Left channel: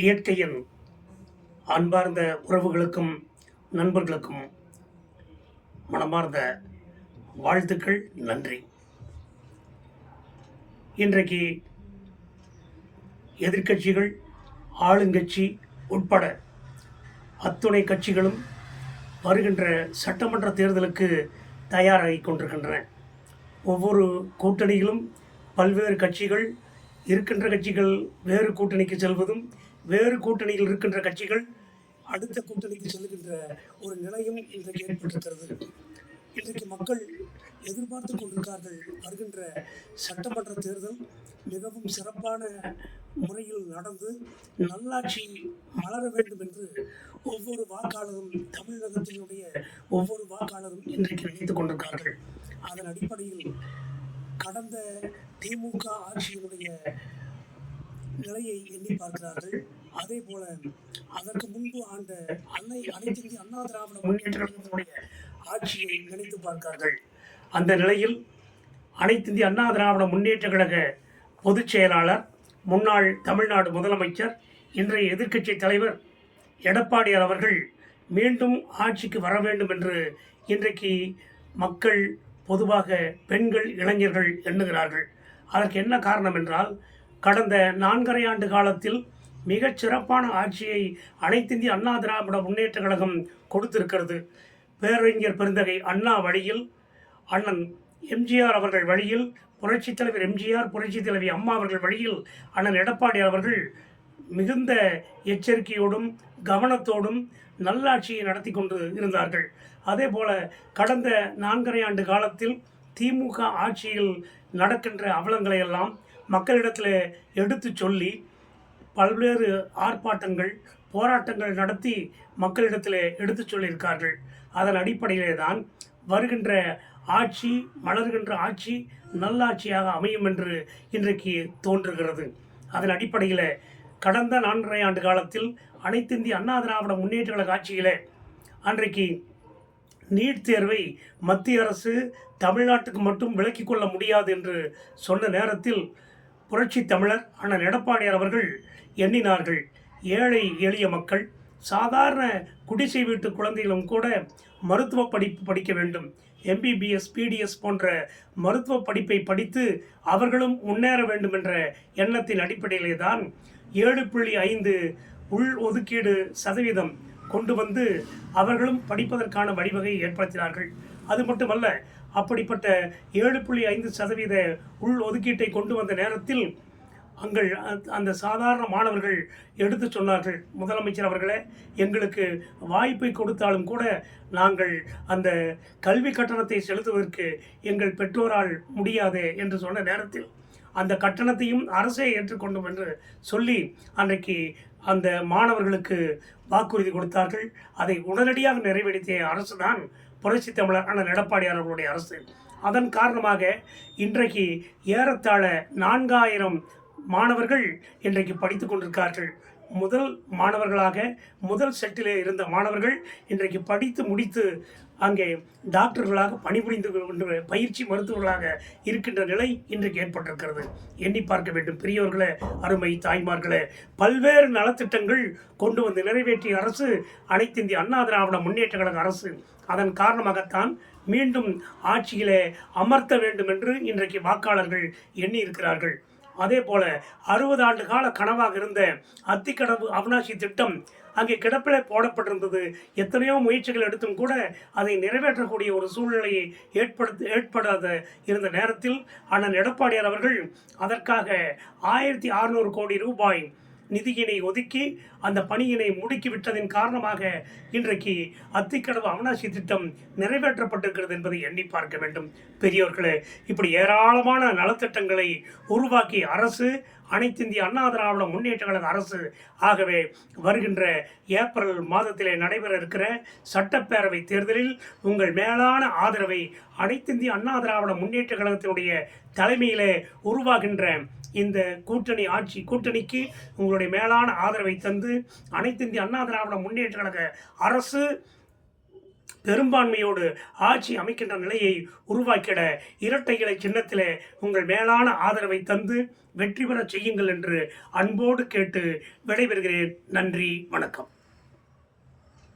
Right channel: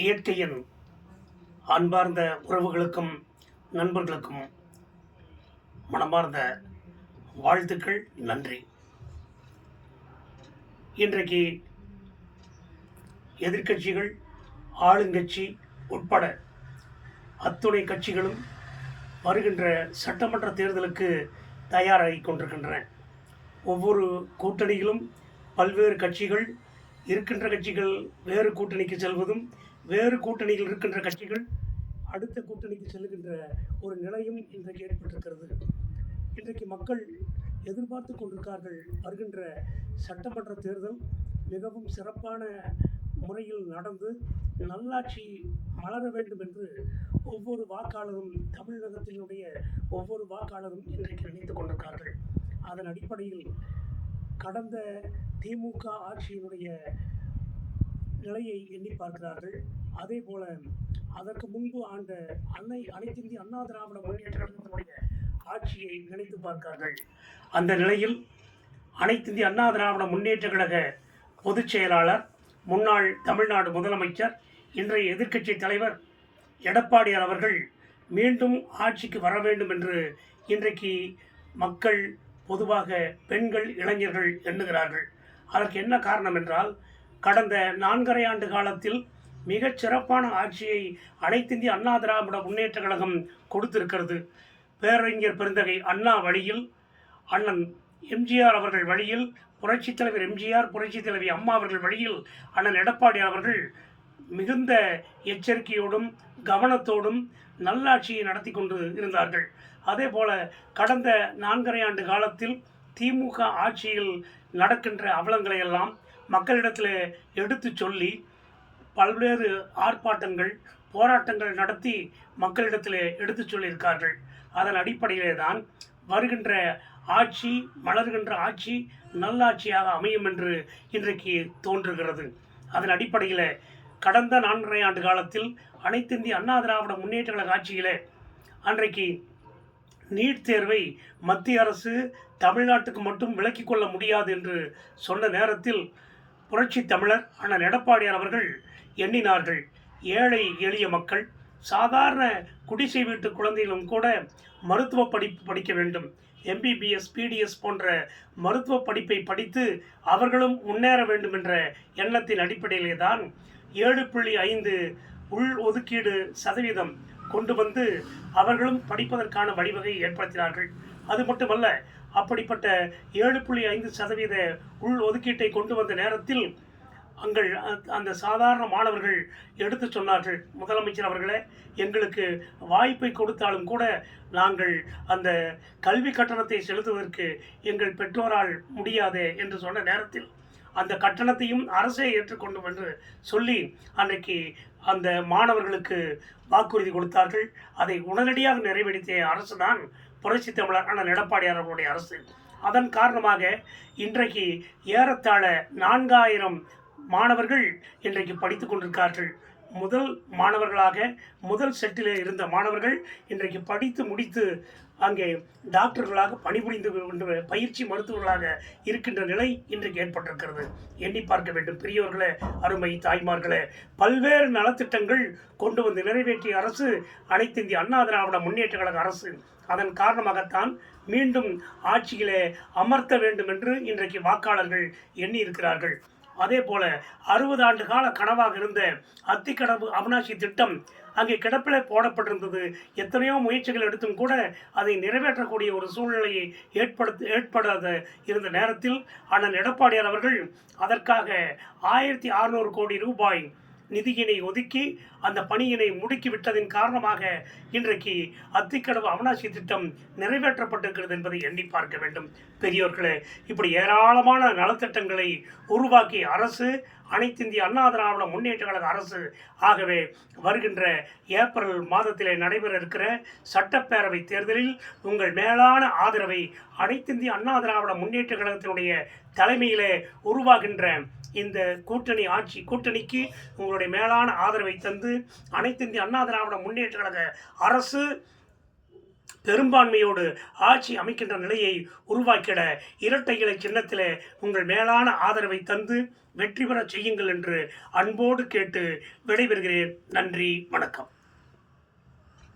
இயற்கையின் அன்பார்ந்த உறவுகளுக்கும் நண்பர்களுக்கும் மனமார்ந்த வாழ்த்துக்கள், நன்றி. இன்றைக்கு எதிர்க்கட்சிகள், ஆளுங்கட்சி உட்பட அத்துணை கட்சிகளும் வருகின்ற சட்டமன்ற தேர்தலுக்கு தயாராகி கொண்டிருக்கின்றன. ஒவ்வொரு கூட்டணியிலும் பல்வேறு கட்சிகள் இருக்கின்ற கட்சிகள் வேறு கூட்டணிக்கு செல்வதும், வேறு கூட்டணியில் இருக்கின்ற கட்சிகள் அடுத்த கூட்டணிக்கு செல்கின்ற ஒரு நிலையும் இன்றைக்கு ஏற்பட்டிருக்கிறது. இன்றைக்கு மக்கள் எதிர்பார்த்து கொண்டிருக்கிறார்கள், வருகின்ற சட்டமன்ற தேர்தல் மிகவும் சிறப்பான முறையில் நடந்து நல்லாட்சி மலர வேண்டும் என்று ஒவ்வொரு வாக்காளரும், தமிழகத்தினுடைய ஒவ்வொரு வாக்காளரும் இன்றைக்கு நினைத்துக் கொண்டிருக்கிறார்கள். அதன் அடிப்படையில் கடந்த திமுக ஆட்சியினுடைய நிலையை எண்ணி பார்க்கிறார்கள். அதே போல அதற்கு முன்பு ஆண்ட அனைத்து இந்திய அண்ணா திராவிட முன்னேற்ற கழகத்தினுடைய ஆட்சியை நினைத்து பார்க்கிறார்கள். அந்த நிலையில் அனைத்து இந்திய அண்ணா திராவிட முன்னேற்ற கழக பொதுச் செயலாளர், முன்னாள் தமிழ்நாடு முதலமைச்சர், இன்றைய எதிர்க்கட்சி தலைவர் எடப்பாடியார் அவர்கள் மீண்டும் ஆட்சிக்கு வர வேண்டும் என்று இன்றைக்கு மக்கள், பொதுவாக பெண்கள், இளைஞர்கள் எண்ணுகிறார்கள். அதற்கு என்ன காரணம் என்றால், கடந்த 4.5 ஆண்டு காலத்தில் மிகச் சிறப்பான ஆட்சியை அனைத்திந்திய அண்ணா திராவிட முன்னேற்ற கழகம் கொடுத்திருக்கிறது. பேரறிஞர் பெருந்தகை அண்ணா வழியில், அண்ணன் எம்ஜிஆர் அவர்கள் வழியில், புரட்சித் தலைவர் எம்ஜிஆர், புரட்சித் தலைவி அம்மா அவர்கள் வழியில் அண்ணன் எடப்பாடி அவர்கள் மிகுந்த எச்சரிக்கையோடும் கவனத்தோடும் நல்லாட்சியை நடத்தி கொண்டு இருந்தார்கள். அதே போல கடந்த 4.5 ஆண்டு காலத்தில் திமுக ஆட்சியில் நடக்கின்ற அவலங்களை எல்லாம் மக்களிடத்தில் எடுத்து சொல்லி பல்வேறு ஆர்ப்பாட்டங்கள், போராட்டங்கள் நடத்தி மக்களிடத்தில் எடுத்து சொல்லியிருக்கார்கள். அதன் அடிப்படையிலே தான் வருகின்ற ஆட்சி, மலர்கின்ற ஆட்சி நல்லாட்சியாக அமையும் என்று இன்றைக்கு தோன்றுகிறது. அதன் அடிப்படையில் கடந்த 4.5 ஆண்டு காலத்தில் அனைத்து இந்திய அண்ணா திராவிட முன்னேற்ற கழக ஆட்சியில் அன்றைக்கு நீட் தேர்வை மத்திய அரசு தமிழ்நாட்டுக்கு மட்டும் விலக்கிக் கொள்ள முடியாது என்று சொன்ன நேரத்தில் புரட்சி தமிழர் அண்ணன் எடப்பாடியார் அவர்கள் எண்ணினார்கள், ஏழை எளிய மக்கள், சாதாரண குடிசை வீட்டு குழந்தைகளும் கூட மருத்துவ படிப்பு படிக்க வேண்டும், MBBS, PDS போன்ற மருத்துவ படிப்பை படித்து அவர்களும் முன்னேற வேண்டும் என்ற எண்ணத்தின் அடிப்படையிலே தான் 7.5 உள் ஒதுக்கீடு சதவீதம் கொண்டு வந்து அவர்களும் படிப்பதற்கான வழிவகையை ஏற்படுத்தினார்கள். அது மட்டுமல்ல, அப்படிப்பட்ட 7.5% உள் ஒதுக்கீட்டை கொண்டு வந்த நேரத்தில் அந்த சாதாரண மாணவர்கள் எடுத்து சொன்னார்கள், முதலமைச்சர் அவர்களே, எங்களுக்கு வாய்ப்பை கொடுத்தாலும் கூட நாங்கள் அந்த கல்வி கட்டணத்தை செலுத்துவதற்கு எங்கள் பெற்றோரால் முடியாது என்று சொன்ன நேரத்தில் அந்த கட்டணத்தையும் அரசே ஏற்றுக்கொண்டும் என்று சொல்லி அன்றைக்கு அந்த மாணவர்களுக்கு வாக்குறுதி கொடுத்தார்கள். அதை உடனடியாக நிறைவேற்றிய அரசு தான் புரட்சி தமிழர் அண்ணன் எடப்பாடியார் அவர்களுடைய அரசு. அதன் காரணமாக இன்றைக்கு ஏறத்தாழ 4000 மாணவர்கள் இன்றைக்கு படித்து கொண்டிருக்கிறார்கள். முதல் மாணவர்களாக, முதல் செட்டிலே இருந்த மாணவர்கள் இன்றைக்கு படித்து முடித்து அங்கே டாக்டர்களாக பணிபுரிந்து பயிற்சி மருத்துவர்களாக இருக்கின்ற நிலை இன்றைக்கு ஏற்பட்டிருக்கிறது. எண்ணி பார்க்க வேண்டும் பெரியவர்களே, அருமை தாய்மார்களே. பல்வேறு நலத்திட்டங்கள் கொண்டு வந்து நிறைவேற்றிய அரசு அனைத்து இந்திய அண்ணா திராவிட முன்னேற்ற கழக அரசு. அதன் காரணமாகத்தான் மீண்டும் ஆட்சியிலே அமர்த்த வேண்டும் என்று இன்றைக்கு வாக்காளர்கள் எண்ணி இருக்கிறார்கள். அதே போல 60 ஆண்டு கால கனவாக இருந்த அத்திக்கடவு அவிநாசி திட்டம் அங்கே கிடப்பிலே போடப்பட்டிருந்தது. எத்தனையோ முயற்சிகள் எடுத்தும் கூட அதை நிறைவேற்றக்கூடிய ஒரு சூழ்நிலையை ஏற்படாத இருந்த நேரத்தில் அண்ணன் எடப்பாடியார் அவர்கள் அதற்காக 1600 கோடி ரூபாய் நிதியினை ஒதுக்கி அந்த பணியினை முடுக்கிவிட்டதின் காரணமாக இன்றைக்கு அத்திக்கடவு அவிநாசி திட்டம் நிறைவேற்றப்பட்டிருக்கிறது என்பதை எண்ணி பார்க்க வேண்டும் பெரியவர்களே. இப்படி ஏராளமான நலத்திட்டங்களை உருவாக்கிய அரசு அனைத்து இந்திய அண்ணா திராவிட முன்னேற்ற கழக அரசு. ஆகவே வருகின்ற ஏப்ரல் மாதத்திலே நடைபெற இருக்கிற சட்டப்பேரவை தேர்தலில் உங்கள் மேலான ஆதரவை அனைத்து இந்திய அண்ணா திராவிட முன்னேற்ற கழகத்தினுடைய தலைமையிலே உருவாகின்ற இந்த கூட்டணிக்கு உங்களுடைய மேலான ஆதரவை தந்து அனைத்து இந்திய அண்ணா திராவிட முன்னேற்ற கழக அரசு பெரும்பான்மையோடு ஆட்சி அமைக்கின்ற நிலையை உருவாக்கிட இரட்டை இலை சின்னத்திலே உங்கள் மேலான ஆதரவை தந்து வெற்றி பெற செய்யுங்கள் என்று அன்போடு கேட்டு விடைபெறுகிறேன். நன்றி, வணக்கம்.